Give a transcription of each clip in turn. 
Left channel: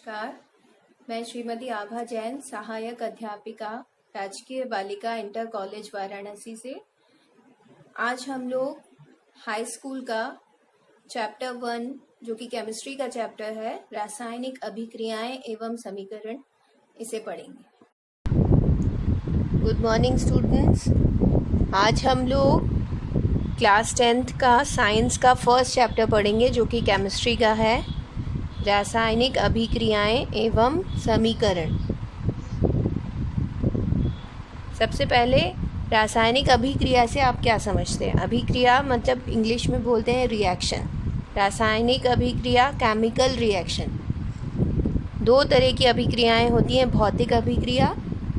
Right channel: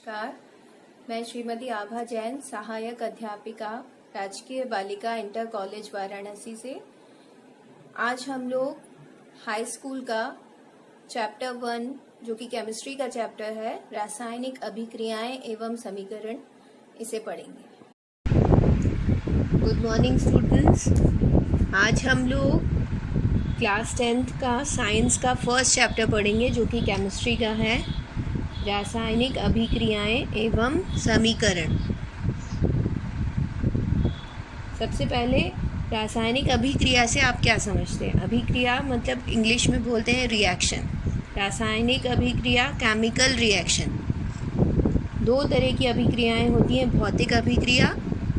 नमस्कार, मैं श्रीमती आभा जैन, सहायक अध्यापिका, राजकीय बालिका इंटर कॉलेज वाराणसी से। आज हम लोग हाई स्कूल का चैप्टर 1 जो कि केमिस्ट्री का चैप्टर है, रासायनिक अभिक्रियाएं एवं समीकरण, इसे पढ़ेंगे। Good morning students. आज हम लोग क्लास 10th का साइंस का फर्स्ट चैप्टर पढ़ेंगे जो कि केमिस्ट्री का है, रासायनिक अभिक्रियाएं एवं समीकरण। सबसे पहले रासायनिक अभिक्रिया से आप क्या समझते हैं? अभिक्रिया मतलब इंग्लिश में बोलते हैं रिएक्शन। रासायनिक अभिक्रिया केमिकल रिएक्शन। दो तरह की अभिक्रियाएं होती हैं, भौतिक अभिक्रिया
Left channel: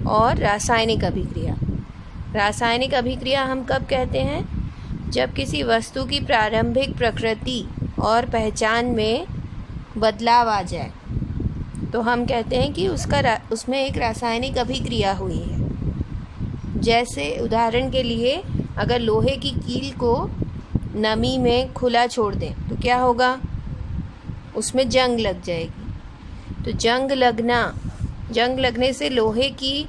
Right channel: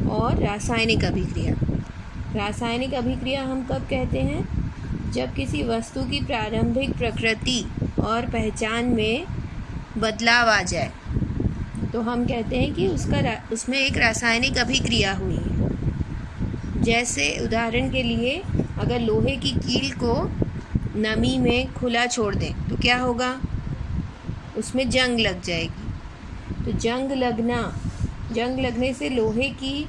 और रासायनिक अभिक्रिया। रासायनिक अभिक्रिया हम कब कहते हैं? जब किसी वस्तु की प्रारंभिक प्रकृति और पहचान में बदलाव आ जाए तो हम कहते हैं कि उसमें एक रासायनिक अभिक्रिया हुई है। जैसे उदाहरण के लिए, अगर लोहे की कील को नमी में खुला छोड़ दें तो क्या होगा? उसमें जंग लग जाएगी। तो जंग लगने से लोहे की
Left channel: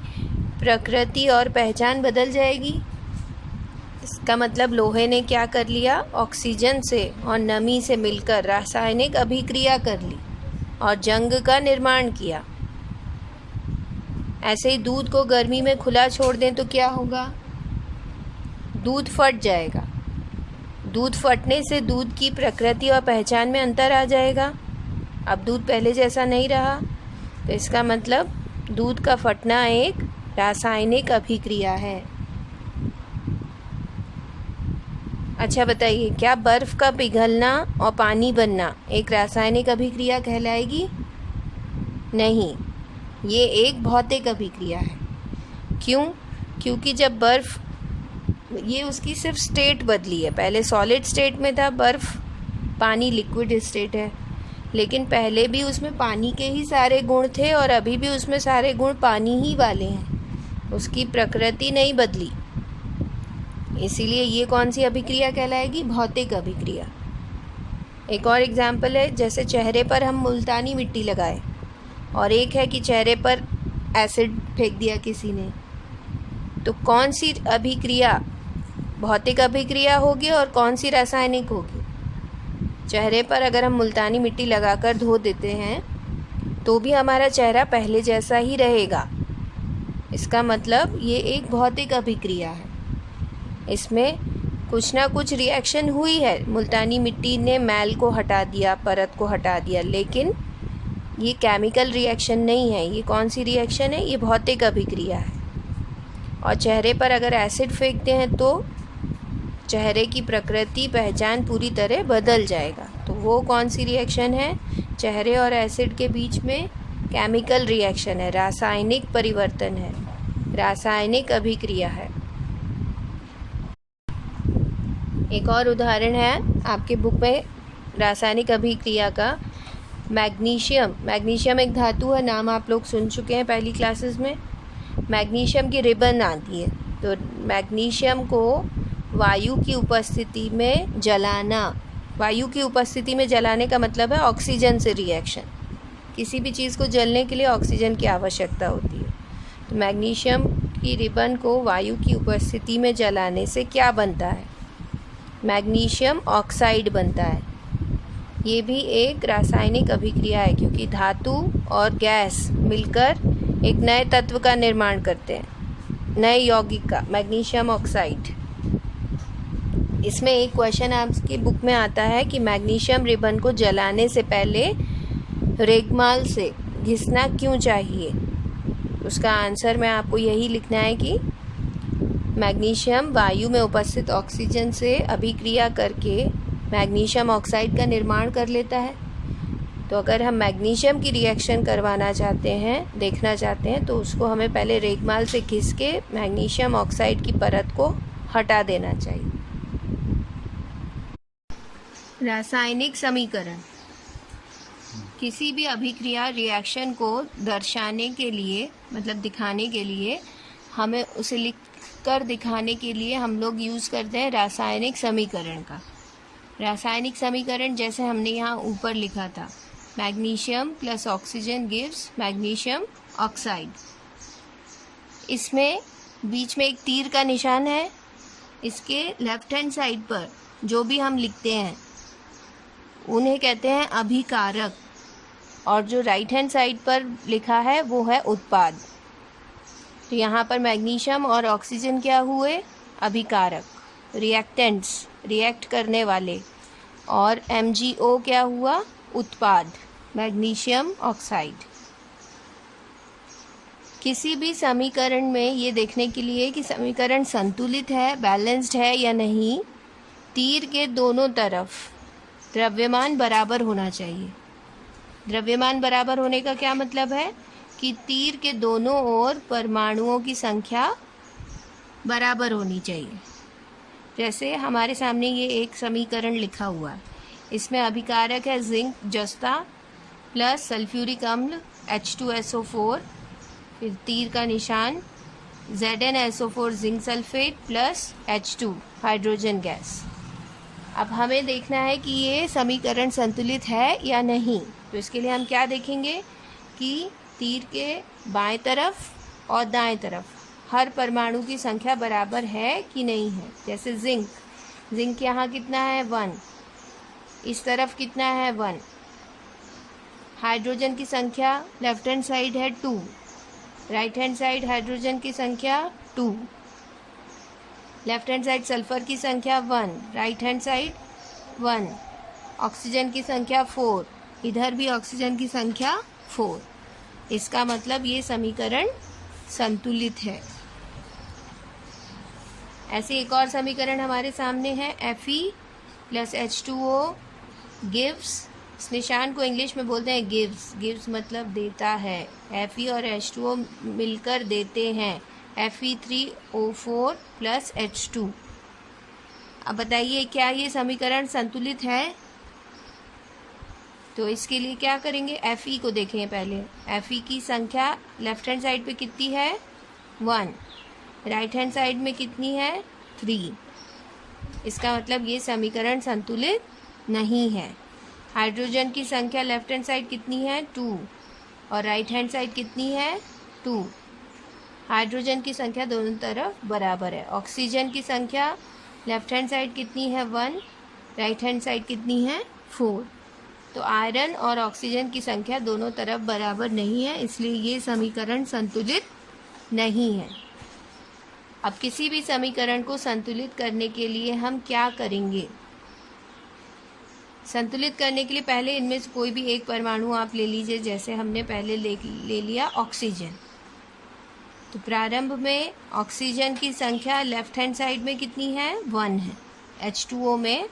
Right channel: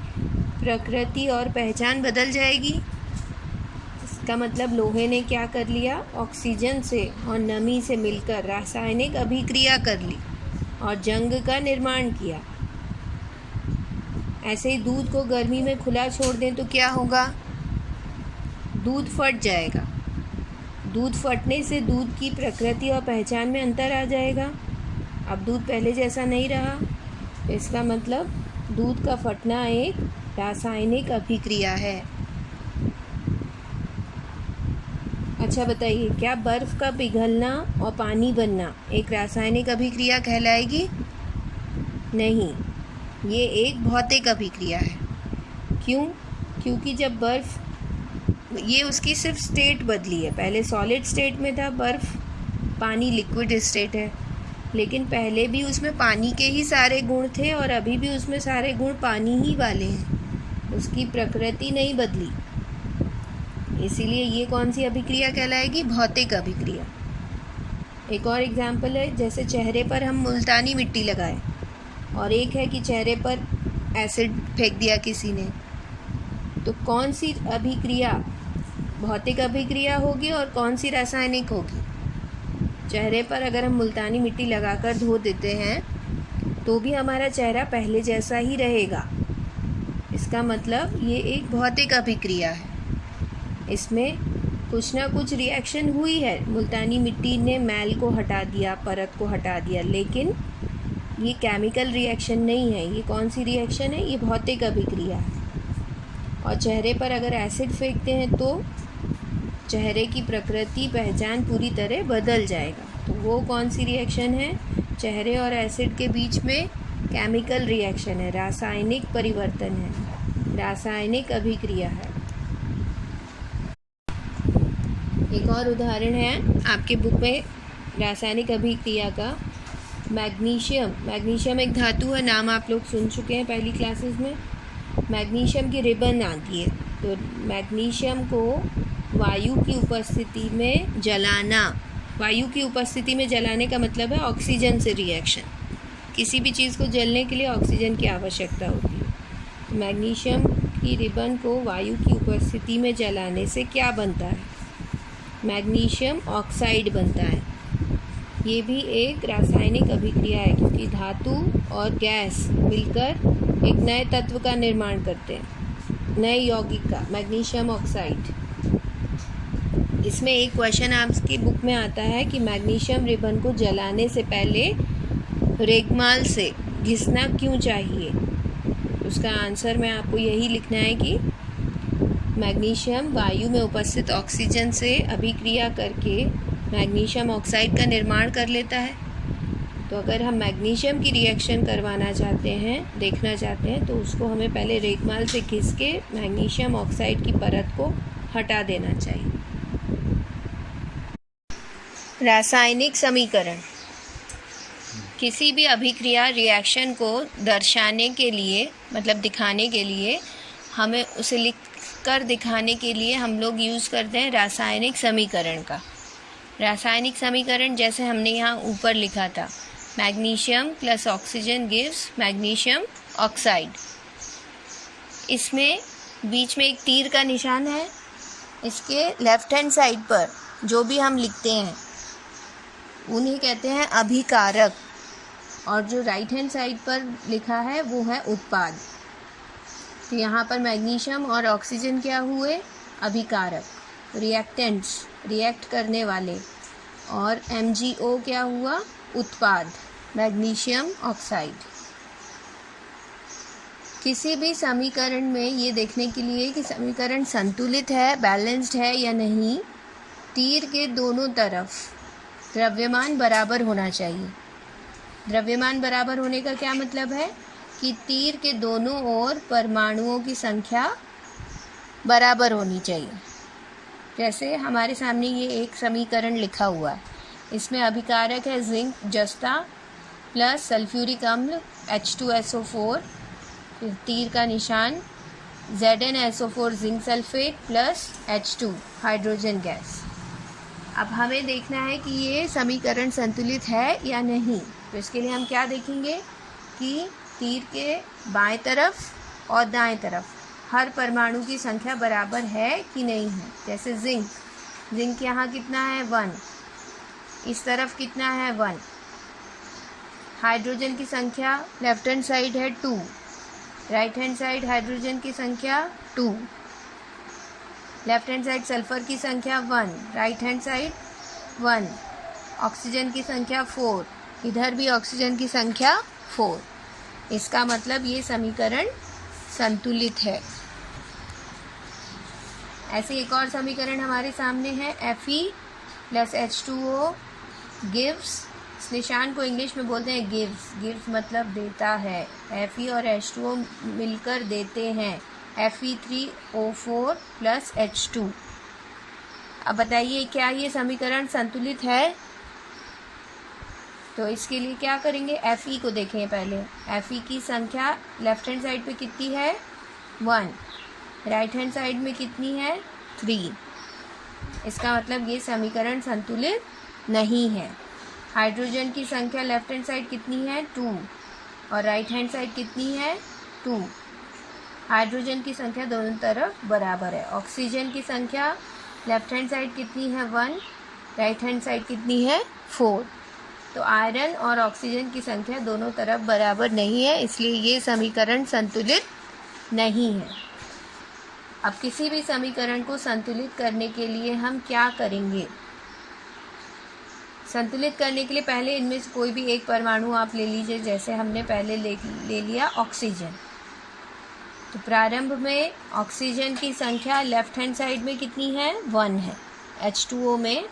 प्रकृति और पहचान बदल जाएगी। इसका मतलब लोहे ने क्या कर लिया? ऑक्सीजन से और नमी से मिलकर रासायनिक अभिक्रिया कर ली और जंग का निर्माण किया। ऐसे ही दूध को गर्मी में खुला छोड़ दें तो क्या होगा? दूध फट जाएगा। दूध फटने से दूध की प्रकृति और पहचान में अंतर आ जाएगा। अब दूध पहले जैसा नहीं रहा, तो इसका मतलब दूध का फटना एक रासायनिक अभिक्रिया है। अच्छा बताइए, क्या बर्फ़ का पिघलना और पानी बनना एक रासायनिक अभिक्रिया कहलाएगी? नहीं, ये एक भौतिक अभिक्रिया है। क्यों? क्योंकि जब बर्फ़, ये उसकी सिर्फ स्टेट बदली है। पहले सॉलिड स्टेट में था बर्फ़, पानी लिक्विड स्टेट है, लेकिन पहले भी उसमें पानी के ही सारे गुण थे और अभी भी उसमें सारे गुण पानी ही वाले हैं। उसकी प्रकृति नहीं बदली। इसीलिए ये कौन सी अभिक्रिया कहलाएगी? भौतिक अभिक्रिया। एक और एग्जाम्पल है, जैसे चेहरे पर हम मुल्तानी मिट्टी लगाए और एक है कि चेहरे पर एसिड फेंक दिया किसी ने, तो कौन सी अभिक्रिया भौतिक अभिक्रिया होगी और कौन सी रासायनिक होगी? चेहरे पर अगर हम मुल्तानी मिट्टी लगाकर धो देते हैं तो भी हमारा चेहरा पहले जैसा ही रहेगा। इसका मतलब ये एक भौतिक अभिक्रिया है। इसमें कुछ ना कुछ रिएक्शन हुई है। मुल्तानी मिट्टी ने मैल को हटा दिया, परत को हटा दिया, लेकिन ये केमिकल रिएक्शन नहीं है। ये कौन सी रिएक्शन है? ये भौतिक अभिक्रिया है। और चेहरे पर अगर एसिड फेंकते हैं तो चेहरे की प्रकृति पहचान पूरी तरह बदल जाएगा। तो वो कौन सी रिएक्शन है? चेहरे और एसिड के बीच में केमिकल रिएक्शन है, रासायनिक परिवर्तन है, रासायनिक अभिक्रिया है। एक और उदाहरण है आपके बुक में रासायनिक अभिक्रिया का, मैग्नीशियम एक धातु है, नाम आप लोग सुन चुके हैं पहली क्लासेस में। मैग्नीशियम की रिबन आती है, तो मैग्नीशियम को वायु की उपस्थिति में जलाना। वायु की उपस्थिति में जलाने का मतलब है ऑक्सीजन से रिएक्शन। किसी भी चीज़ को जलने के लिए ऑक्सीजन की आवश्यकता होती है। तो मैग्नीशियम की रिबन को वायु की उपस्थिति में जलाने से क्या बनता है? मैग्नीशियम ऑक्साइड बनता है। ये भी एक रासायनिक अभिक्रिया है, क्योंकि धातु और गैस मिलकर एक नए तत्व का निर्माण करते हैं, नए यौगिक का, मैग्नीशियम ऑक्साइड। इसमें एक क्वेश्चन आपकी बुक में आता है कि मैग्नीशियम रिबन को जलाने से पहले रेगमाल से घिसना क्यों चाहिए? उसका आंसर में आपको यही लिखना है कि मैग्नीशियम वायु में उपस्थित ऑक्सीजन से अभिक्रिया करके मैग्नीशियम ऑक्साइड का निर्माण कर लेता है। तो अगर हम मैग्नीशियम की रिएक्शन करवाना चाहते हैं, देखना चाहते हैं, तो उसको हमें पहले रेगमाल से घिस के मैग्नीशियम ऑक्साइड की परत को हटा देना चाहिए। रासायनिक समीकरण। किसी भी अभिक्रिया रिएक्शन को दर्शाने के लिए, मतलब दिखाने के लिए, हमें उसे लिख कर दिखाने के लिए हम लोग यूज़ करते हैं रासायनिक समीकरण का। रासायनिक समीकरण जैसे हमने यहाँ ऊपर लिखा था, magnesium plus oxygen gives magnesium oxide. इसमें बीच में एक तीर का निशान है। इसके लेफ्ट हैंड साइड पर जो भी हम लिखते हैं उन्हें कहते हैं अभिकारक, और जो राइट हैंड साइड पर लिखा है वो है उत्पाद। तो यहाँ पर मैग्नीशियम और ऑक्सीजन क्या हुए? अभिकारक, रिएक्टेंट्स, रिएक्ट करने वाले, और MgO क्या हुआ? उत्पाद, मैग्नीशियम ऑक्साइड। किसी भी समीकरण में ये देखने के लिए कि समीकरण संतुलित है, बैलेंस्ड है या नहीं, तीर के दोनों तरफ द्रव्यमान बराबर होना चाहिए। द्रव्यमान बराबर होने का क्या मतलब है? कि तीर के दोनों ओर परमाणुओं की संख्या बराबर होनी चाहिए। जैसे हमारे सामने ये एक समीकरण लिखा हुआ है, इसमें अभिकारक है जिंक जस्ता प्लस सल्फ्यूरिक अम्ल H2SO4, फिर तीर का निशान ZnSO4 zinc sulphate plus H2 hydrogen gas. अब हमें देखना है कि ये समीकरण संतुलित है या नहीं। तो इसके लिए हम क्या देखेंगे कि तीर के बाएं तरफ और दाएं तरफ हर परमाणु की संख्या बराबर है कि नहीं है। जैसे जिंक यहाँ कितना है? 1, इस तरफ कितना है? 1। हाइड्रोजन की संख्या लेफ्ट हैंड साइड है 2, राइट हैंड साइड हाइड्रोजन की संख्या 2, लेफ्ट हैंड साइड सल्फर की संख्या 1, राइट हैंड साइड 1, ऑक्सीजन की संख्या 4, इधर भी ऑक्सीजन की संख्या 4। इसका मतलब ये समीकरण संतुलित है। ऐसे एक और समीकरण हमारे सामने है Fe प्लस H2O गिव्स, इस निशान को इंग्लिश में बोलते हैं गिव्स मतलब देता है। Fe और H2O मिलकर देते हैं Fe3O4 प्लस H2। अब बताइए क्या ये समीकरण संतुलित है? तो इसके लिए क्या करेंगे? Fe को देखें पहले। Fe की संख्या लेफ्ट हैंड साइड पे कितनी है? 1, राइट हैंड साइड में कितनी है? 3। इसका मतलब ये समीकरण संतुलित नहीं है। हाइड्रोजन की संख्या लेफ्ट हैंड साइड कितनी है? 2, और राइट हैंड साइड कितनी है? 2। हाइड्रोजन की संख्या दोनों तरफ बराबर है। ऑक्सीजन की संख्या लेफ्ट हैंड साइड कितनी है? 1, राइट हैंड साइड कितनी है? 4। तो आयरन और ऑक्सीजन की संख्या दोनों तरफ बराबर नहीं है, इसलिए ये समीकरण संतुलित नहीं है। अब किसी भी समीकरण को संतुलित करने के लिए हम क्या करेंगे? संतुलित करने के लिए पहले इनमें से कोई भी एक परमाणु आप ले लीजिए। जैसे हमने पहले ले लिया ऑक्सीजन। तो प्रारंभ में ऑक्सीजन की संख्या लेफ्ट हैंड साइड में कितनी है? 1 है। H2O में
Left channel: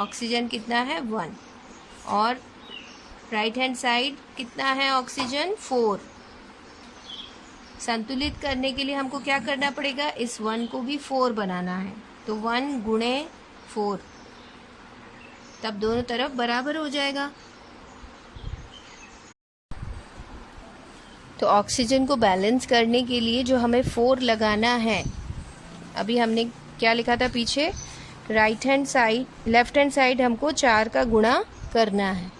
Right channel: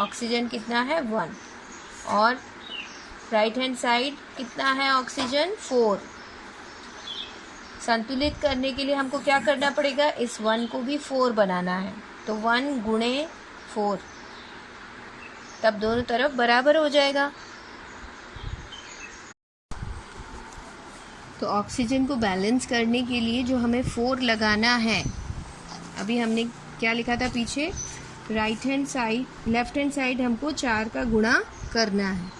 ऑक्सीजन कितना है? 1। और राइट हैंड साइड कितना है ऑक्सीजन? 4। संतुलित करने के लिए हमको क्या करना पड़ेगा? इस 1 को भी 4 बनाना है। तो 1 गुणे 4, तब दोनों तरफ बराबर हो जाएगा। तो ऑक्सीजन को बैलेंस करने के लिए जो हमें 4 लगाना है, अभी हमने क्या लिखा था पीछे? Right hand side, left hand side हमको 4 का गुणा करना है।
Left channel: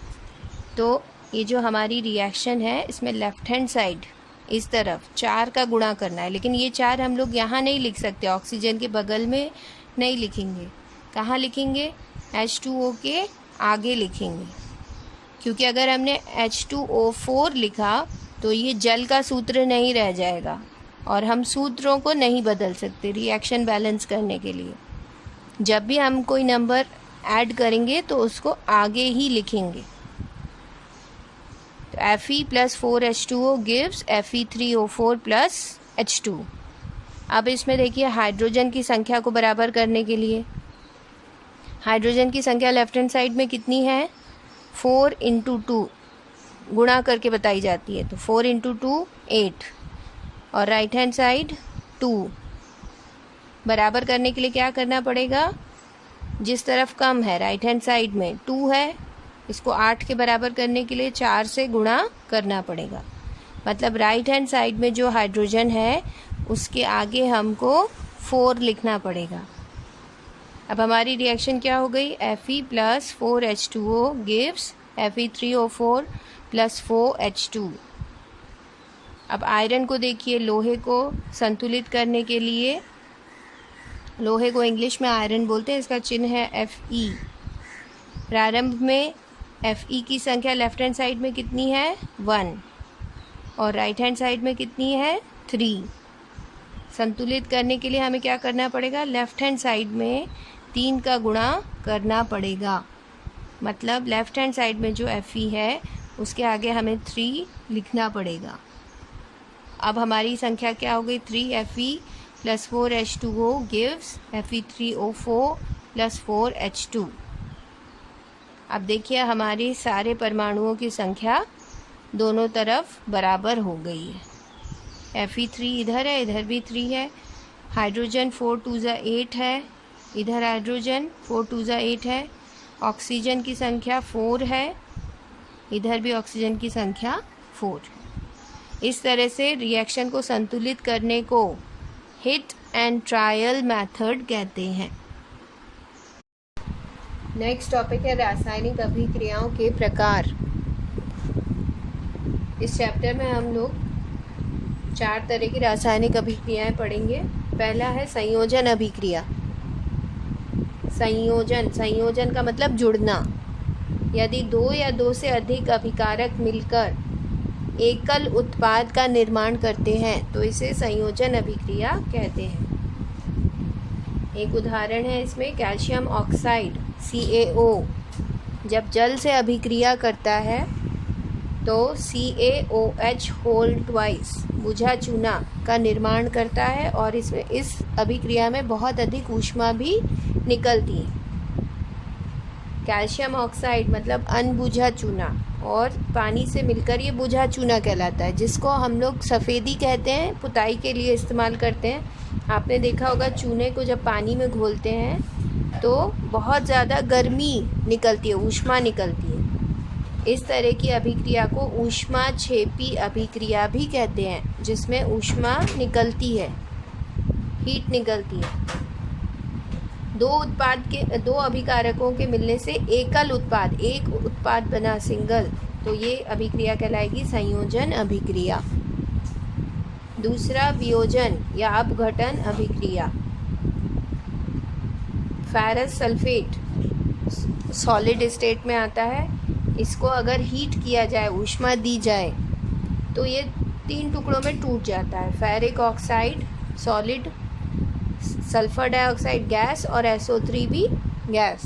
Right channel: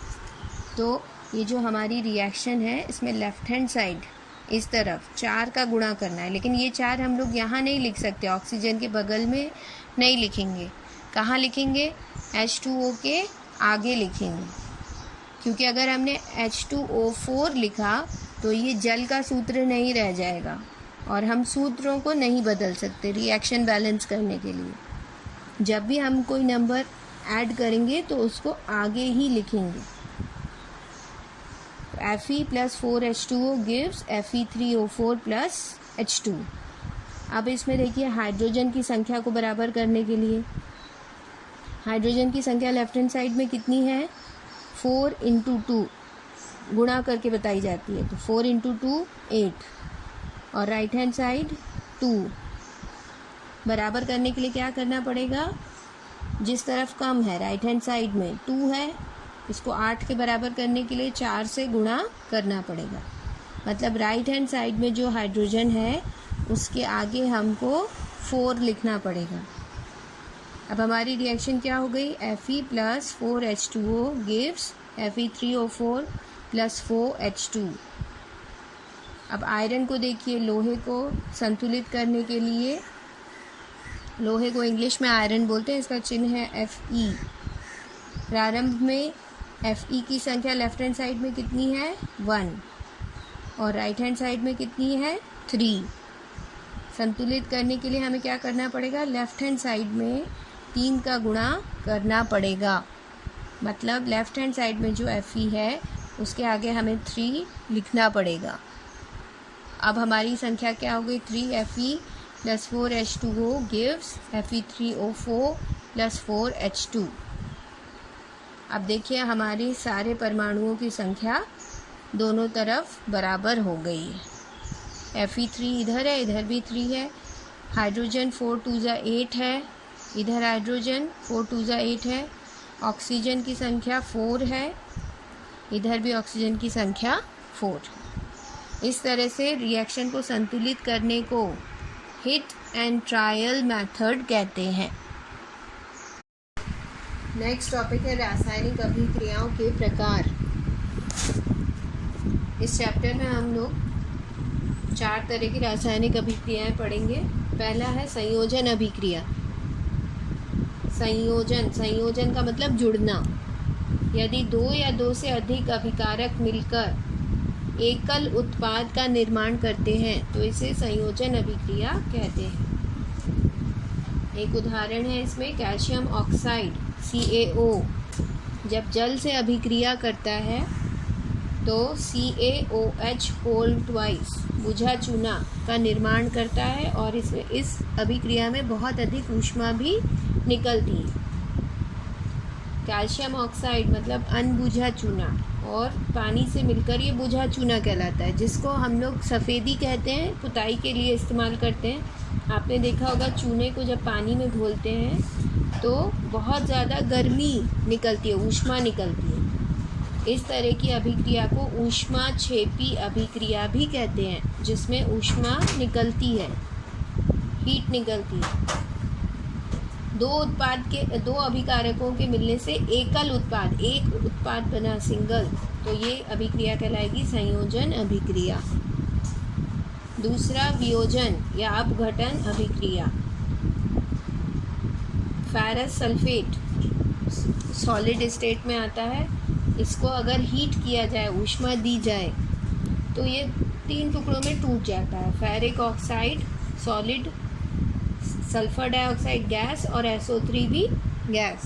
तो ये जो हमारी रिएक्शन है इसमें लेफ्ट हैंड साइड इस तरफ 4 का गुणा करना है। लेकिन ये 4 हम लोग यहाँ नहीं लिख सकते, ऑक्सीजन के बगल में नहीं लिखेंगे। कहाँ लिखेंगे? H2O के आगे लिखेंगे, क्योंकि अगर हमने H2O4 लिखा तो ये जल का सूत्र नहीं रह जाएगा और हम सूत्रों को नहीं बदल सकते रिएक्शन बैलेंस करने के लिए। जब भी हम कोई नंबर ऐड करेंगे तो उसको आगे ही लिखेंगे। तो Fe plus 4H2O gives Fe3O4 plus H2। अब इसमें देखिए हाइड्रोजन की संख्या को बराबर करने के लिए हाइड्रोजन की संख्या लेफ्ट हैंड साइड में कितनी है? 4 × 2 गुणा करके बताई जाती है। तो 4 × 2 8, और राइट हैंड साइड 2। बराबर करने के लिए क्या करना पड़ेगा? जिस तरफ कम है राइट हैंड साइड में 2 है, इसको 8 के बराबर करने के लिए 4 से गुणा करना पड़ेगा। मतलब राइट हैंड साइड में जो हाइड्रोजन है उसके आगे हमको 4 लिखना पड़ेगा। अब हमारी रिएक्शन क्या हो गई? Fe plus 4H2O gives Fe3O4 plus 4H2। अब आयरन को देखिए, लोहे को संतुलित करने के लिए, लोहे को इंग्लिश में आयरन बोलते हैं, इसका चिन्ह है Fe। प्रारंभ में Fe की संख्या लेफ्ट हैंड साइड में कितनी है 1 और राइट हैंड साइड में कितनी है 3। संतुलित करने के लिए हमें क्या करना पड़ेगा, लेफ्ट हैंड साइड में 3 का गुणा करना पड़ेगा। मतलब लेफ्ट हैंड साइड में जो Fe है उसके आगे हमें 3 लिखना पड़ेगा। अब हमारी संख्या क्या हो गई, 3Fe plus 4H2O gives Fe3O4 plus 4H2। अब देखिए हमारे सारे परमाणुओं की संख्या दोनों तरफ बराबर हो गई है। Fe3 इधर है, इधर भी 3 है। हाइड्रोजन 4 2 8 है, इधर हाइड्रोजन 4 2 8 है। ऑक्सीजन की संख्या 4 है, इधर भी ऑक्सीजन की संख्या 4। इस तरह से रिएक्शन को संतुलित करने को हिट एंड ट्रायल मेथड कहते हैं। नेक्स्ट टॉपिक है रासायनिक अभिक्रियाओं के प्रकार। इस चैप्टर में हम लोग 4 तरह की रासायनिक अभिक्रियाएं पढ़ेंगे। पहला है संयोजन अभिक्रिया। संयोजन का मतलब जुड़ना। यदि 2 या 2 से अधिक अभिकारक मिलकर एकल उत्पाद का निर्माण करते हैं तो इसे संयोजन अभिक्रिया कहते हैं। एक उदाहरण है इसमें, कैल्शियम ऑक्साइड CaO जब जल से अभिक्रिया करता है तो CaOH होल ट्वाइस बुझा चूना का निर्माण करता है और इसमें इस अभिक्रिया में बहुत अधिक ऊष्मा भी निकलती है। कैल्शियम ऑक्साइड मतलब अनबुझा चूना और पानी से मिलकर ये बुझा चूना कहलाता है, जिसको हम लोग सफ़ेदी कहते हैं, पुताई के लिए इस्तेमाल करते हैं। आपने देखा होगा चूने को जब पानी में घोलते हैं तो बहुत ज़्यादा गर्मी निकलती है, ऊष्मा निकलती है। इस तरह की अभिक्रिया को ऊष्माक्षेपी अभिक्रिया भी कहते हैं, जिसमें ऊष्मा निकलती है, हीट निकलती है। दो अभिकारकों के मिलने से एकल उत्पाद, एक उत्पाद बना सिंगल, तो ये अभिक्रिया कहलाएगी संयोजन अभिक्रिया। दूसरा वियोजन या अपघटन अभिक्रिया। फेरस सल्फेट सॉलिड स्टेट में आता है। इसको अगर हीट किया जाए, ऊष्मा दी जाए, तो ये 3 टुकड़ों में टूट जाता है। Ferric oxide solid, sulphur dioxide gas और SO3 भी गैस।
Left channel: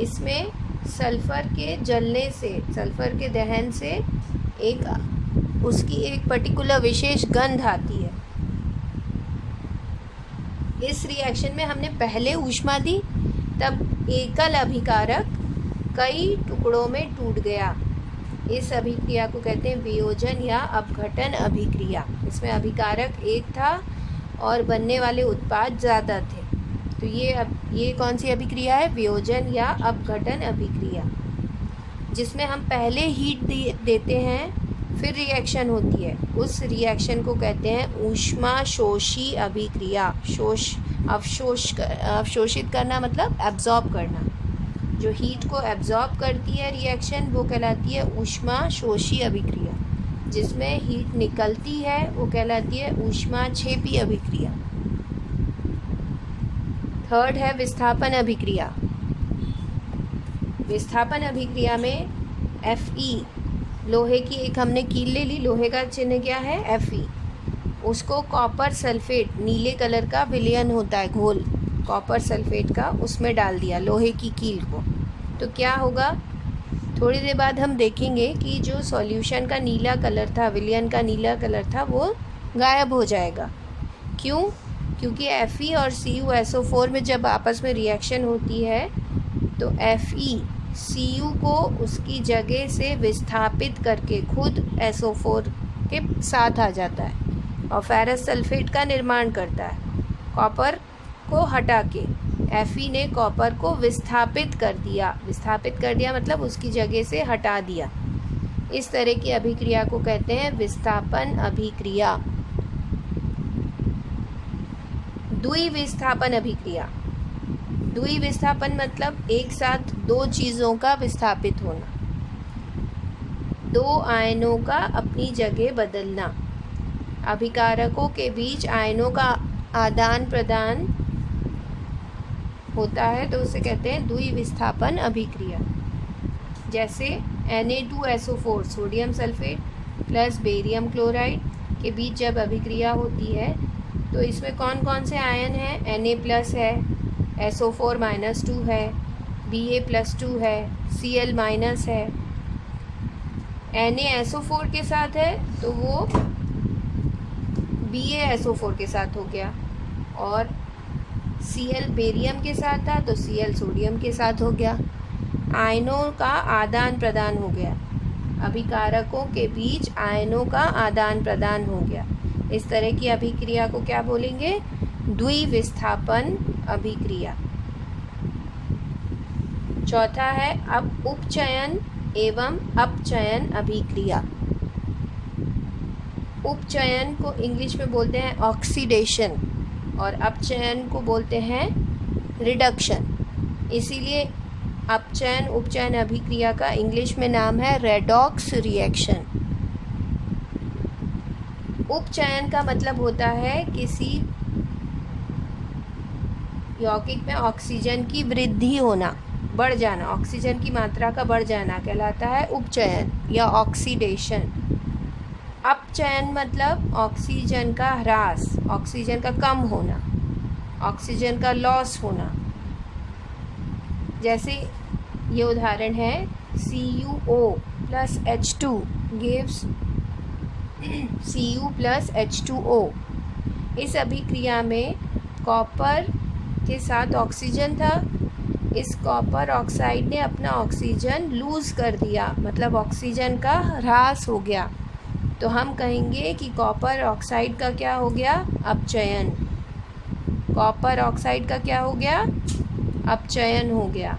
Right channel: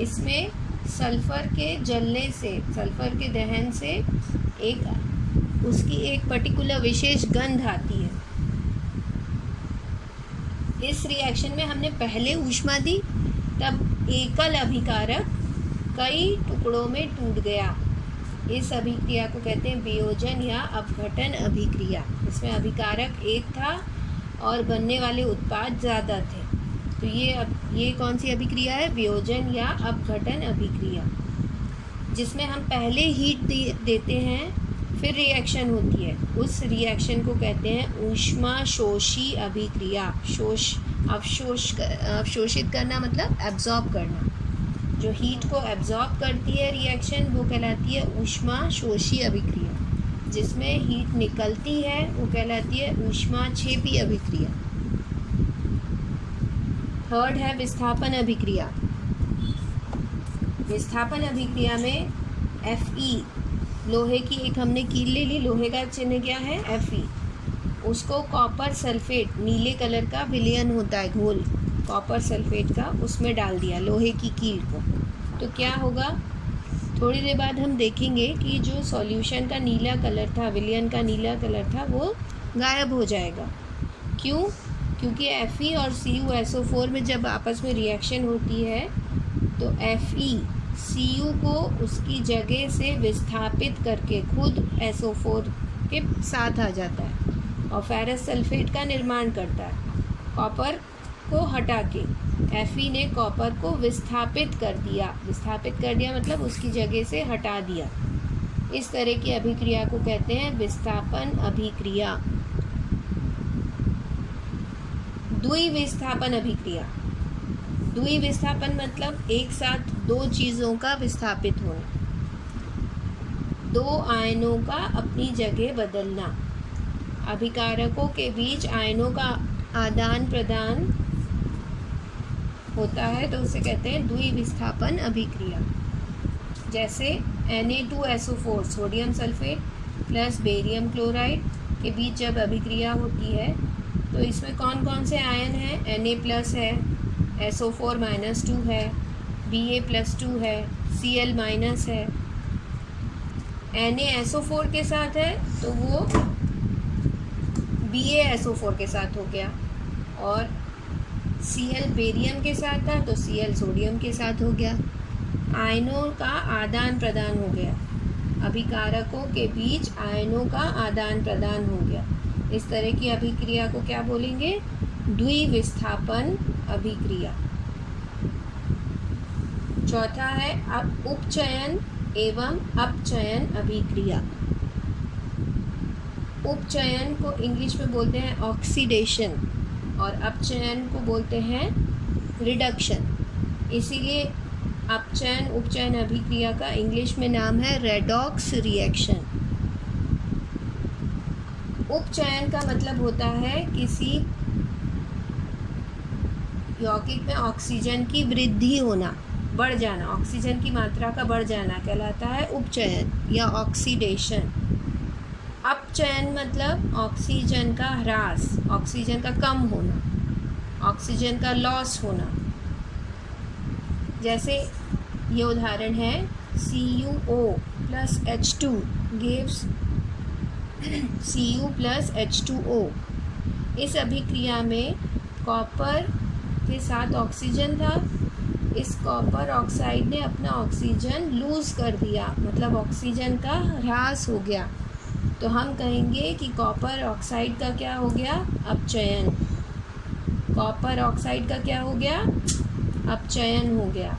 इसमें सल्फर के जलने से, सल्फर के दहन से उसकी एक पर्टिकुलर विशेष गंध आती है। इस रिएक्शन में हमने पहले ऊष्मा दी, तब एकल अभिकारक कई टुकड़ों में टूट गया। इस अभिक्रिया को कहते हैं वियोजन या अपघटन अभिक्रिया। इसमें अभिकारक एक था और बनने वाले उत्पाद ज़्यादा थे। तो ये कौन सी अभिक्रिया है, वियोजन या अपघटन अभिक्रिया, जिसमें हम पहले हीट देते हैं फिर रिएक्शन होती है। उस रिएक्शन को कहते हैं ऊष्माशोषी अभिक्रिया। अवशोषित करना मतलब एब्जॉर्ब करना। जो हीट को एब्जॉर्ब करती है रिएक्शन, वो कहलाती है ऊष्माशोषी अभिक्रिया। जिसमें हीट निकलती है वो कहलाती है ऊष्माक्षेपी अभिक्रिया। थर्ड है विस्थापन अभिक्रिया। विस्थापन अभिक्रिया में Fe, लोहे की एक हमने कील ले ली, लोहे का चिन्ह क्या है Fe। उसको कॉपर सल्फेट, नीले कलर का विलयन होता है घोल कॉपर सल्फेट का, उसमें डाल दिया लोहे की कील को, तो क्या होगा, थोड़ी देर बाद हम देखेंगे कि जो सॉल्यूशन का नीला कलर था, विलयन का नीला कलर था, वो गायब हो जाएगा। क्यों? क्योंकि Fe और CuSO4 में जब आपस में रिएक्शन होती है तो Fe Cu को उसकी जगह से विस्थापित करके खुद SO4 के साथ आ जाता है और फेरस सल्फेट का निर्माण करता है। कॉपर को हटा के Fe ने कॉपर को विस्थापित कर दिया। विस्थापित कर दिया मतलब उसकी जगह से हटा दिया। इस तरह की अभिक्रिया को कहते हैं विस्थापन अभिक्रिया। द्विविस्थापन अभिक्रिया। द्विविस्थापन मतलब एक साथ दो चीज़ों का विस्थापित होना। दो आयनों का अपनी जगह बदलना। अभिकारकों के बीच आयनों का आदान प्रदान होता है तो उसे कहते हैं द्विविस्थापन अभिक्रिया। जैसे Na2SO4 sodium sulphate plus barium chloride के बीच जब अभिक्रिया होती है तो इसमें कौन कौन से आयन हैं? Na+ है, SO4- 2 है, Ba+2 है, Cl- है। Na-SO4 के साथ है तो वो BaSO4 के साथ हो गया, और Cl बेरियम के साथ था तो Cl सोडियम के साथ हो गया। आयनों का आदान प्रदान हो गया, अभिकारकों के बीच आयनों का आदान प्रदान हो गया। इस तरह की अभिक्रिया को क्या बोलेंगे? द्विविस्थापन अभिक्रिया। चौथा है अब उपचयन एवं अपचयन अभिक्रिया। उपचयन को इंग्लिश में बोलते हैं ऑक्सीडेशन और अपचयन को बोलते हैं रिडक्शन। इसीलिए अपचयन उपचयन अभिक्रिया का इंग्लिश में नाम है रेडॉक्स रिएक्शन। उपचयन का मतलब होता है किसी यौगिक में ऑक्सीजन की वृद्धि होना, बढ़ जाना, ऑक्सीजन की मात्रा का बढ़ जाना कहलाता है उपचयन या ऑक्सीडेशन। अपचयन मतलब ऑक्सीजन का ह्रास, ऑक्सीजन का कम होना, ऑक्सीजन का लॉस होना। जैसे ये उदाहरण है CuO+H2 gives Cu+H2O। इस अभिक्रिया में कॉपर के साथ ऑक्सीजन था, इस कॉपर ऑक्साइड ने अपना ऑक्सीजन लूज़ कर दिया, मतलब ऑक्सीजन का ह्रास हो गया, तो हम कहेंगे कि कॉपर ऑक्साइड का क्या हो गया? अपचयन। कॉपर ऑक्साइड का क्या हो गया? अपचयन हो गया,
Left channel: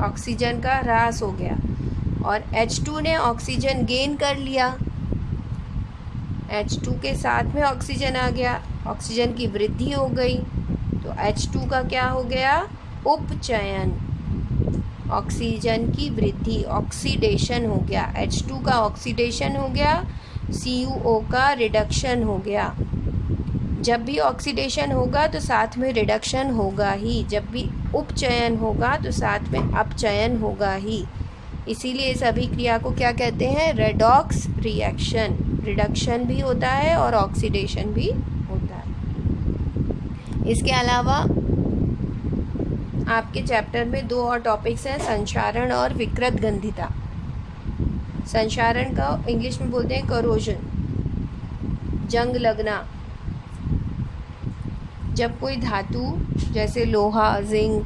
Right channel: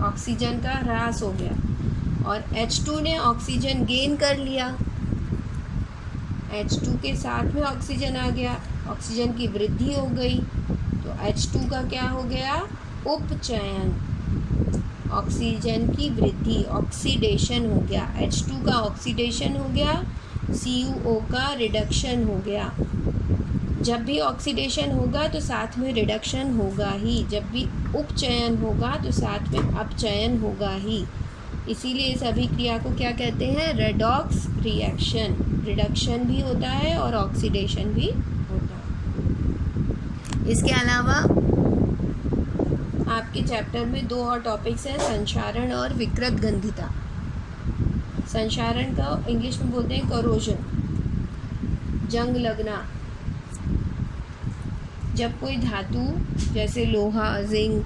ऑक्सीजन का ह्रास हो गया। और H2 ने ऑक्सीजन गेन कर लिया, H2 के साथ में ऑक्सीजन आ गया, ऑक्सीजन की वृद्धि हो गई, तो H2 का क्या हो गया? उपचयन। ऑक्सीजन की वृद्धि, ऑक्सीडेशन हो गया। H2 का ऑक्सीडेशन हो गया, CuO का रिडक्शन हो गया। जब भी ऑक्सीडेशन होगा तो साथ में रिडक्शन होगा ही, जब भी उपचयन होगा तो साथ में अपचयन होगा ही। इसीलिए इस अभिक्रिया को क्या कहते हैं? Redox reaction. रिडक्शन भी होता है और ऑक्सीडेशन भी होता है। इसके अलावा आपके चैप्टर में 2 और टॉपिक्स हैं, संक्षारण और विकृत गंधिता। संक्षारण का इंग्लिश में बोलते हैं करोजन, जंग लगना। जब कोई धातु जैसे लोहा, जिंक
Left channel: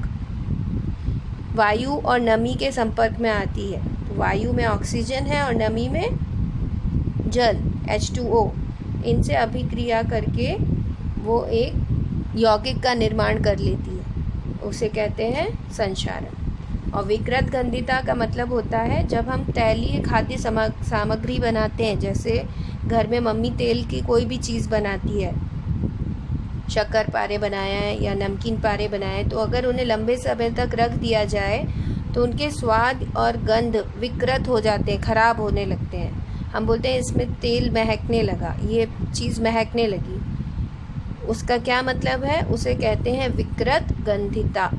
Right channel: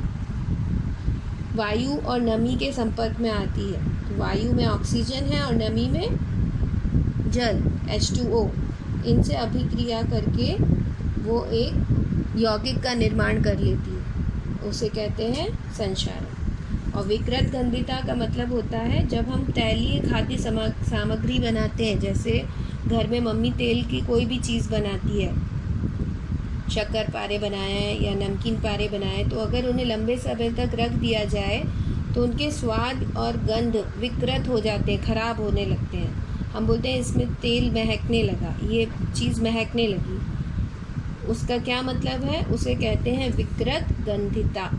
वायु और नमी के संपर्क में आती है, तो वायु में ऑक्सीजन है और नमी में जल H2O, इनसे अभिक्रिया करके वो एक यौगिक का निर्माण कर लेती है, उसे कहते हैं संक्षारण। और विकृत गंधिता का मतलब होता है जब हम तैलीय खाद्य सामग्री बनाते हैं, जैसे घर में मम्मी तेल की कोई भी चीज़ बनाती है, शक्कर पारे बनाया है या नमकीन पारे बनाए, तो अगर उन्हें लंबे समय तक रख दिया जाए तो उनके स्वाद और गंध विकृत हो जाते हैं, ख़राब होने लगते हैं। हम बोलते हैं इसमें तेल महकने लगा, ये चीज़ महकने लगी, उसका क्या मतलब है? उसे कहते हैं विकृत गंधिता।